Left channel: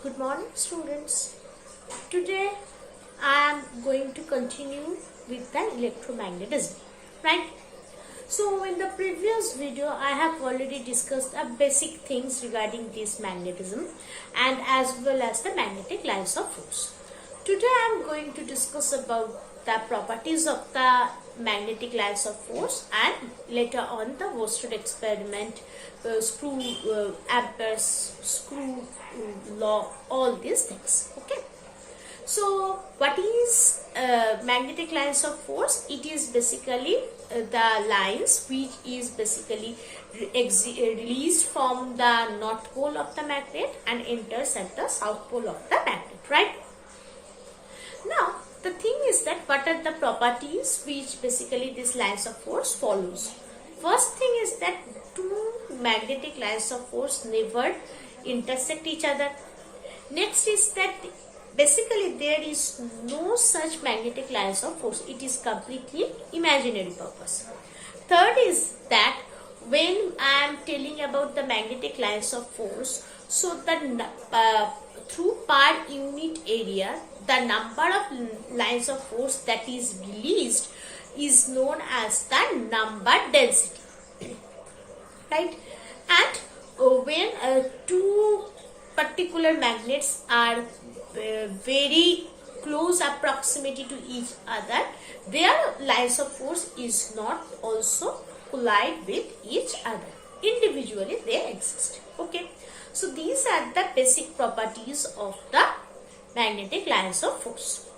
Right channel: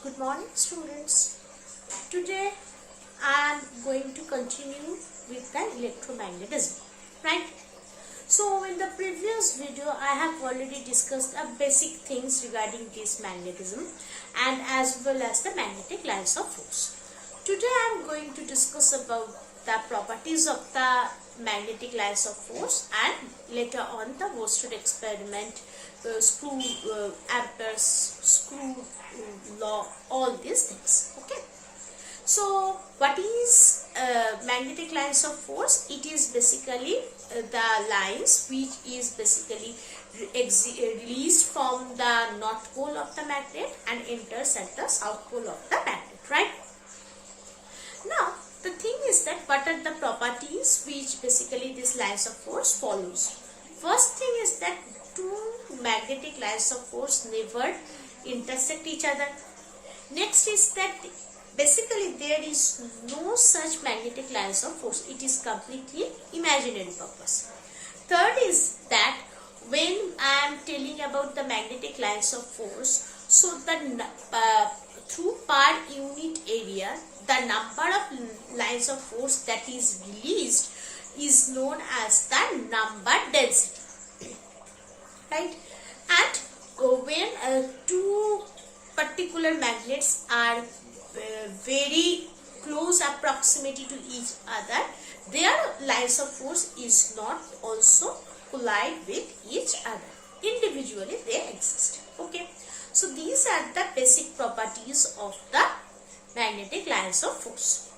Good morning, students. Today I am going to continue with the electromagnetism, right? So in the previous video I have already discussed the basic things regarding this magnetism and as well as the magnetic lines of force. Today I am going to discuss about the properties of the magnetic lines of force and later on the Worsted experiment, Ampere's screw law, all these things. Okay. So what is magnetic lines of force? It is basically the lines which is basically released from the north pole of the magnet and enters at the south pole of the magnet, right? Now the thing is that what are the properties which basically these lines of force follows? First thing is that two magnetic lines of force never intersect each other. Next is that basically there is no such magnetic lines of force. It is completely imaginary purpose. Third is that when I am telling about the magnetic lines of force, so the through per unit area, the number of lines of force that is released is known as the number density, right? And when two particular magnets are very close proximity to each other, their lines of force is not also collide with each other. Individually they exist. Okay. So these are the basic properties of the magnetic lines of force.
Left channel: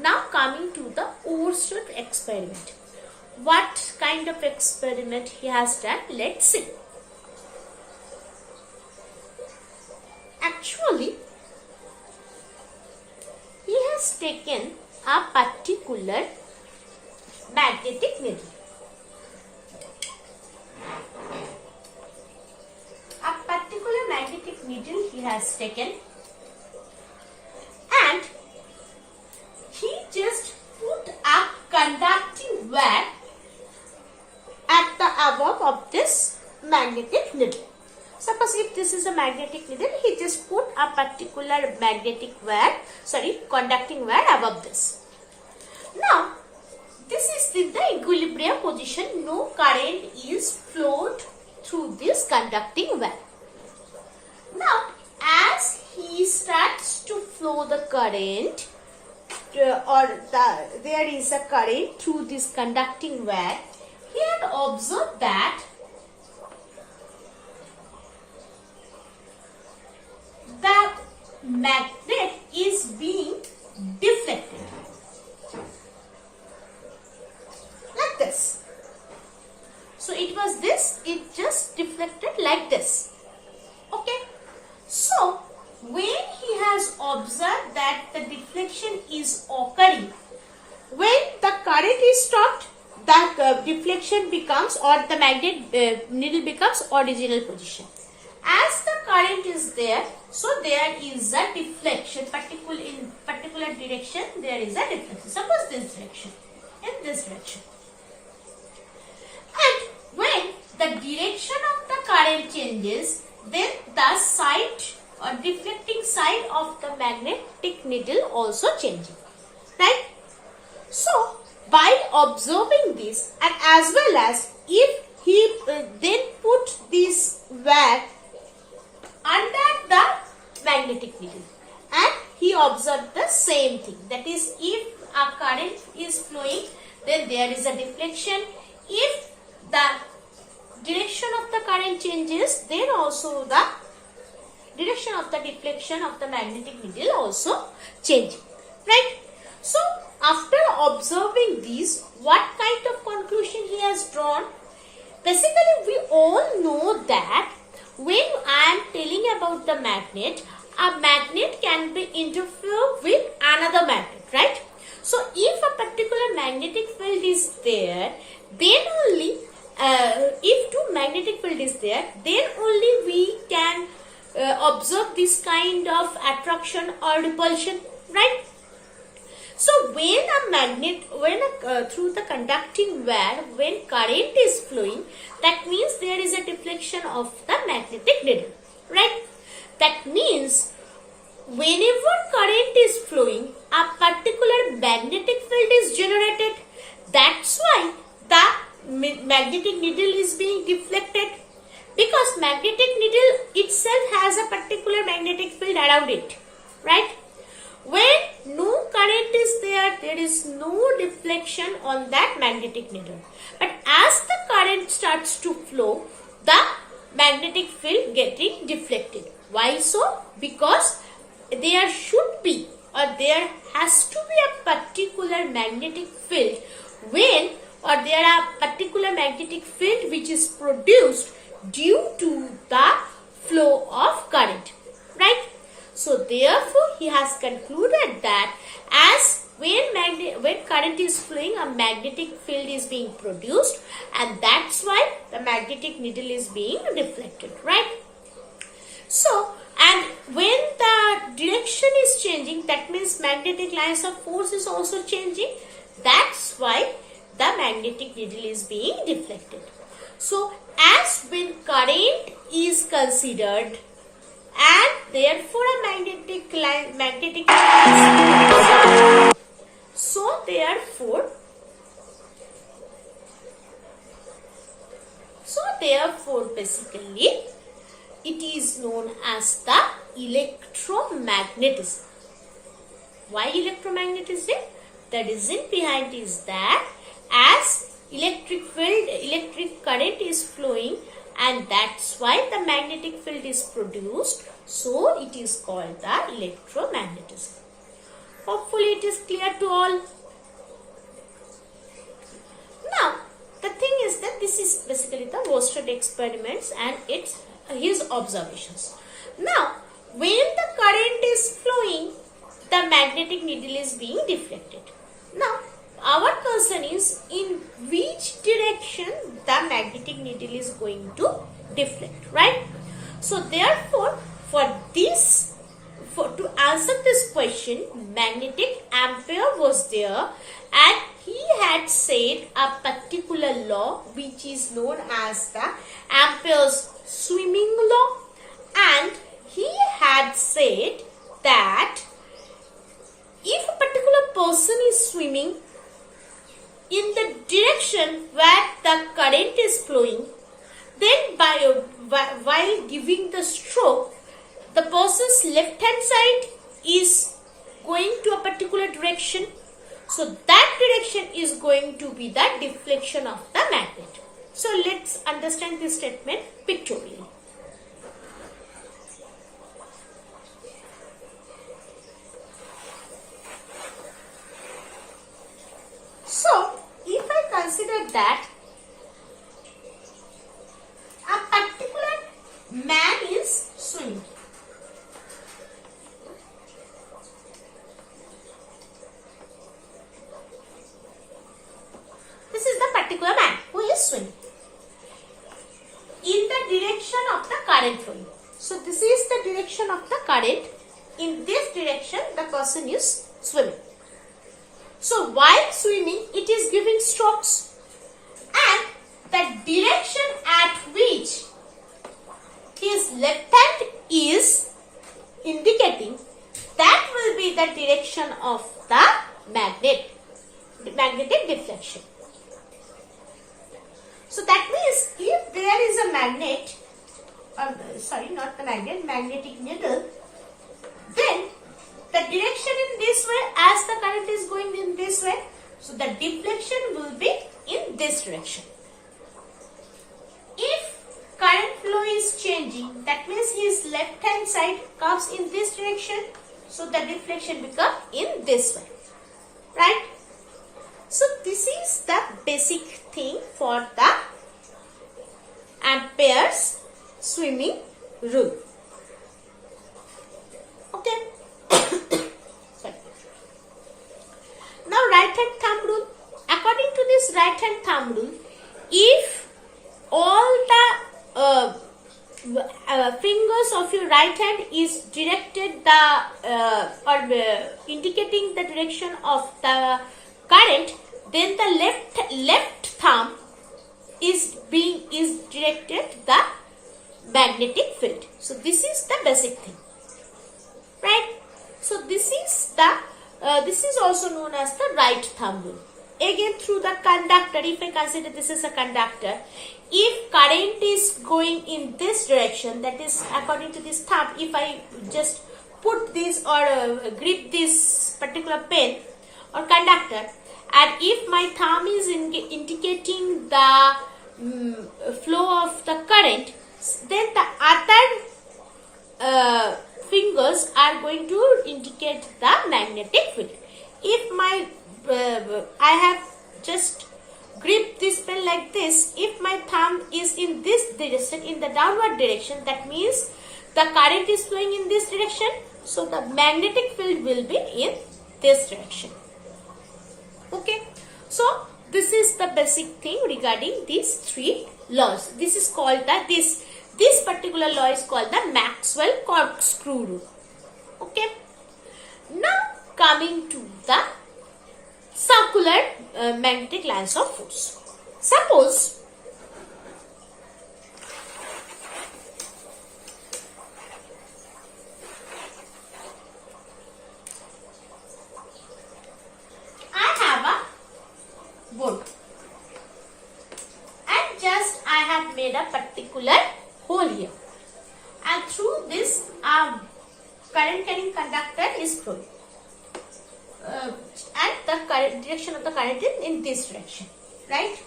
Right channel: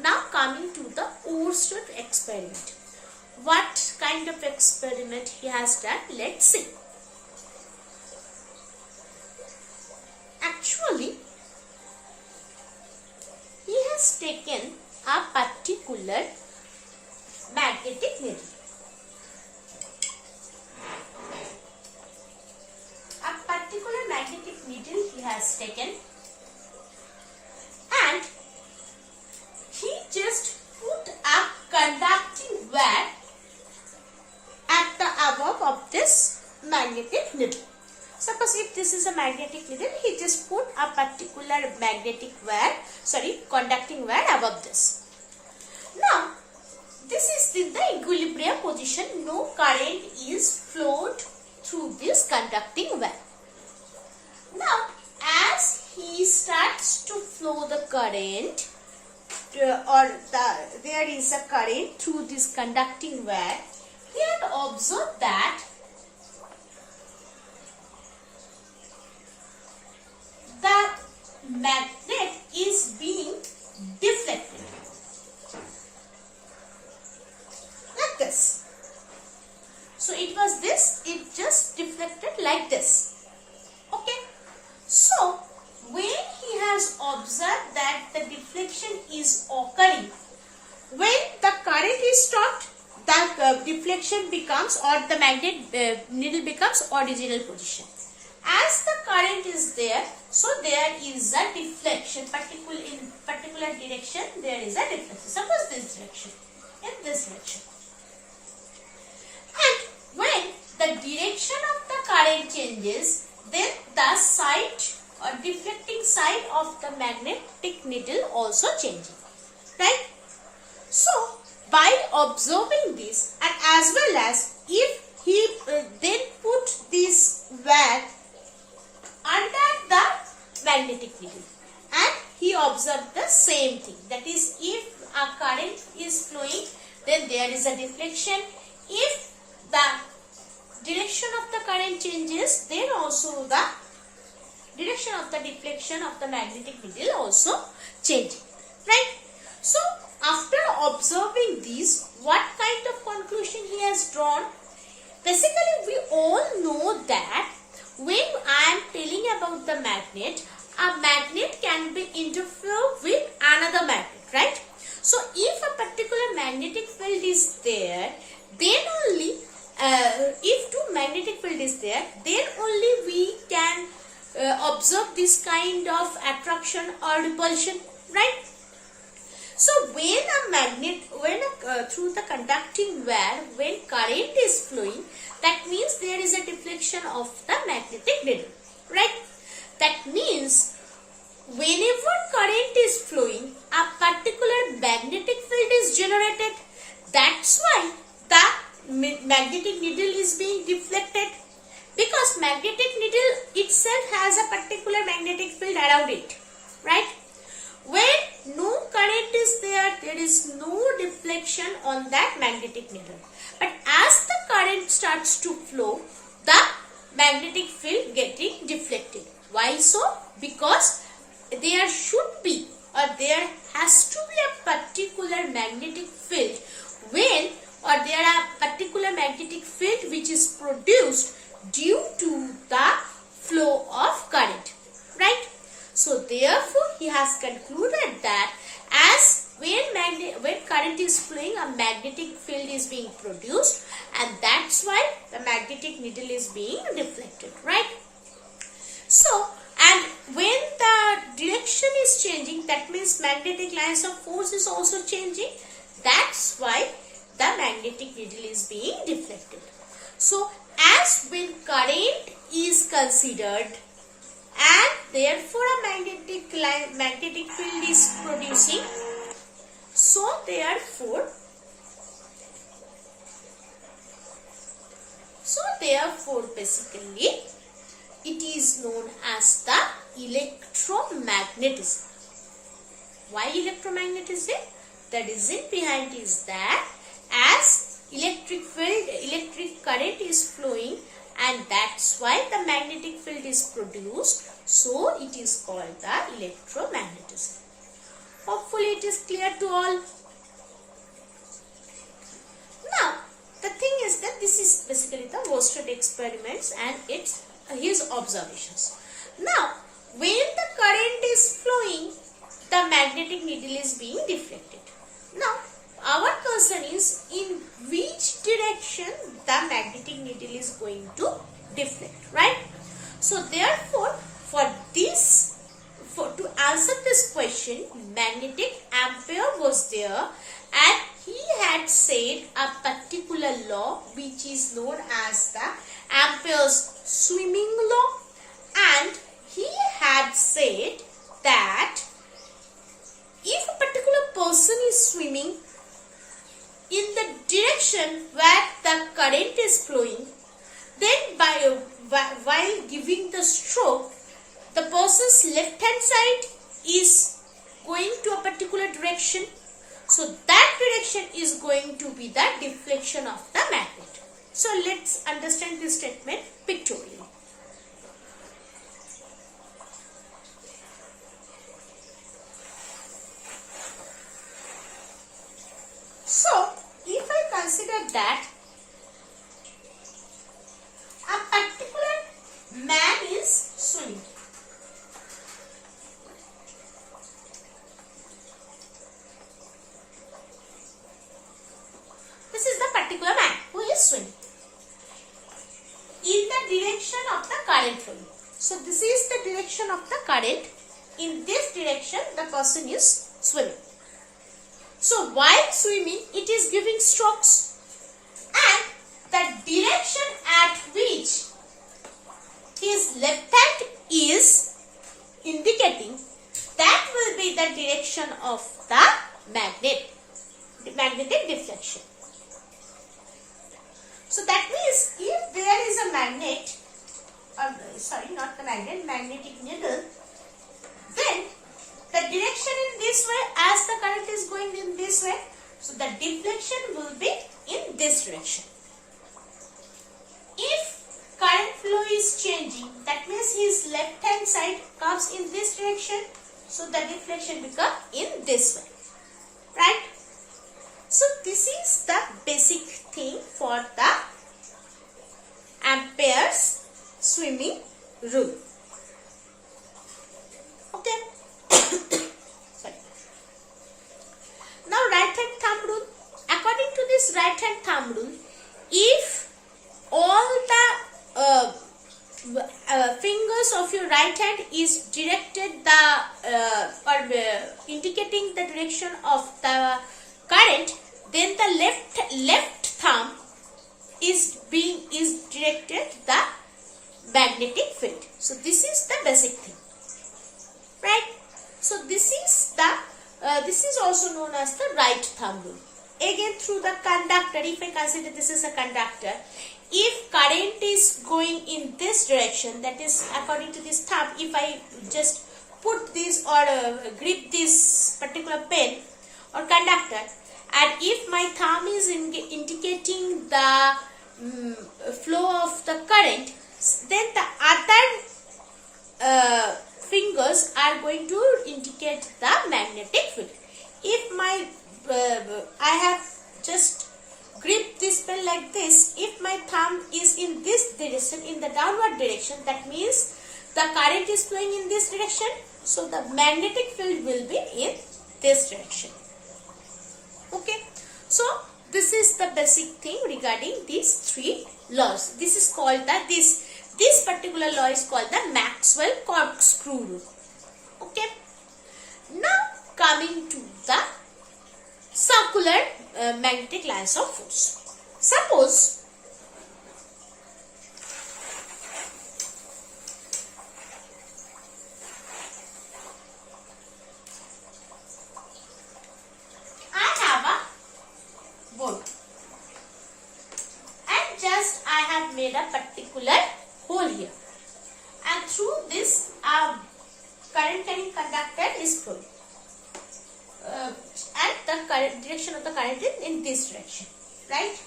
Now coming to the Oersted experiment. What kind of experiment he has done? Let's see. Actually, he has taken a particular magnetic needle. A particular magnetic needle he has taken and he just put a conducting wire at the above of this magnetic needle. Suppose if this is a magnetic needle, he just put a particular conducting wire above this. Now, this is in the equilibrium position. No current is flowed through this conducting wire. Now, as he starts to flow the current, there is a current through this conducting wire, he had observed that the magnet is being deflected like this. So it was this, it just deflected like this. Okay. So when he has observed that the deflection is occurring, when the current is stopped, the deflection becomes, or the magnet needle becomes original position. As the current is there, so there is a deflection, in particular direction there is a deflection. Suppose this direction, in this direction. And when the direction of the current changes, then the side or deflecting side of the magnetic needle also changing, right? So by observing this, and as well as if he then put this wire under the magnetic needle and he observed the same thing, that is, if a current is flowing, then there is a deflection. If the direction of the current changes, then also the direction of the deflection of the magnetic needle also changing, right? So after observing these, what kind of conclusion he has drawn? Basically, we all know that when I am telling about the magnet, a magnet can be interfered with another magnet, right? So if a particular magnetic field is there, then only if two magnetic field is there, then only we can observe this kind of attraction or repulsion, right? So when a magnet, through the conducting wire, when current is flowing, that means there is a deflection of the magnetic needle, right? That means whenever current is flowing, a particular magnetic field is generated. That's why the magnetic needle is being deflected, because magnetic needle itself has a particular magnetic field around it, right? When no current is there, there is no deflection on that magnetic needle. But as the current starts to flow, the magnetic field getting deflected. Why so? Because there should be, or there has to be a particular magnetic field when, or there are particular magnetic field which is produced due to the flow of current, right? So therefore he has concluded that as when current is flowing, a magnetic field is being produced, and that's why the magnetic needle is being deflected, right? So, and when the direction is changing, that means magnetic lines of force is also changing. That's why the magnetic needle is being deflected. So, as when current is considered, and therefore a magnetic line is produced. So, therefore, basically, it is known as the electromagnetism. Why electromagnetism? The reason behind is that as electric current is flowing, and that's why the magnetic field is produced, so it is called the electromagnetism. Hopefully it is clear to all. Now the thing is that this is basically the Worsted experiments and his observations. Now when the current is flowing, the magnetic needle is being deflected. Now our concern is in which direction the magnetic needle is going to deflect, right? So therefore, to answer this question, magnetic Ampere was there, and he had said a particular law which is known as the Ampere's swimming law, and he had said that if a particular person is swimming in the direction where the current is flowing, then while giving the stroke, the person's left hand side is going to a particular direction. So that direction is going to be the deflection of the magnet. So let's understand this statement pictorially. So if I consider that a particular man is swimming, this is the particular man who is swimming in the direction of the current flowing. So this is the direction of the current. In this direction the person is swimming. So while swimming, it is giving strokes, and the direction at which his left hand is indicating, that will be the direction of the magnetic deflection. So that means if there is a magnet, magnetic needle, then the direction in this way, as the current is going in this way, so the deflection will be in this direction. If current flow is changing, that means his left hand side comes in this direction, so the deflection becomes in this way, right? So this is the basic thing for the Ampere's swimming rule. Okay. Sorry. Now right hand thumb rule. According to this right hand thumb rule, if all the fingers of your right hand is directed indicating the direction of the current, then the left thumb is directed the magnetic field. So this is the basic thing, right? So this is also known as the right thumb rule. Again, through the conductor, if I consider this is a conductor, if current is going in this direction, that is according to this thumb, if I just put this or grip this particular pen or conductor, and if my thumb is indicating the flow of the current, then the other fingers are going to indicate the magnetic field. If my I have just gripped this pen like this, if my thumb is in this direction, in the downward direction, that means the current is flowing in this direction, so the magnetic field will be in this direction. Okay, so this is the basic thing regarding these three laws. This is called this particular law is called the Maxwell corkscrew rule. Okay, now coming to the circular magnetic lines of force. Suppose I have a board and just I have made a particular hole here, and through this current carrying conductor is flowing. And the direction of the current is in this direction, right?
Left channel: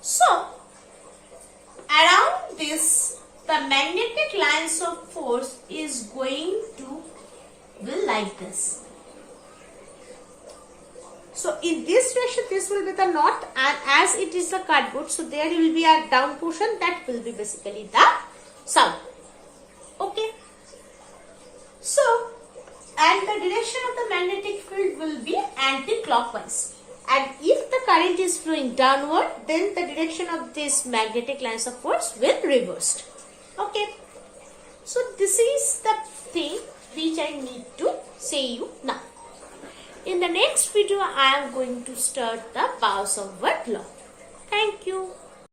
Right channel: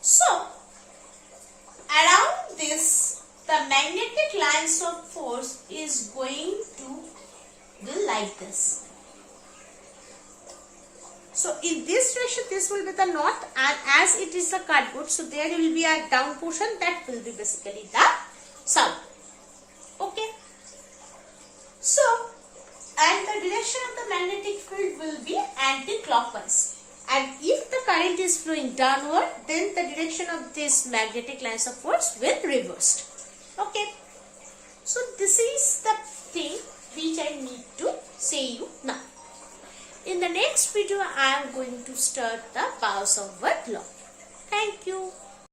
So around this, the magnetic lines of force is going to be like this. So in this direction, this will be the north, and as it is a cardboard, so there will be a down portion, that will be basically the south. Okay. So, and the direction of the magnetic field will be anti-clockwise. And if the current is flowing downward, then the direction of this magnetic lines of force will reversed. Okay. So this is the thing which I need to say you now. In the next video, I am going to start the Poisson's law. Thank you.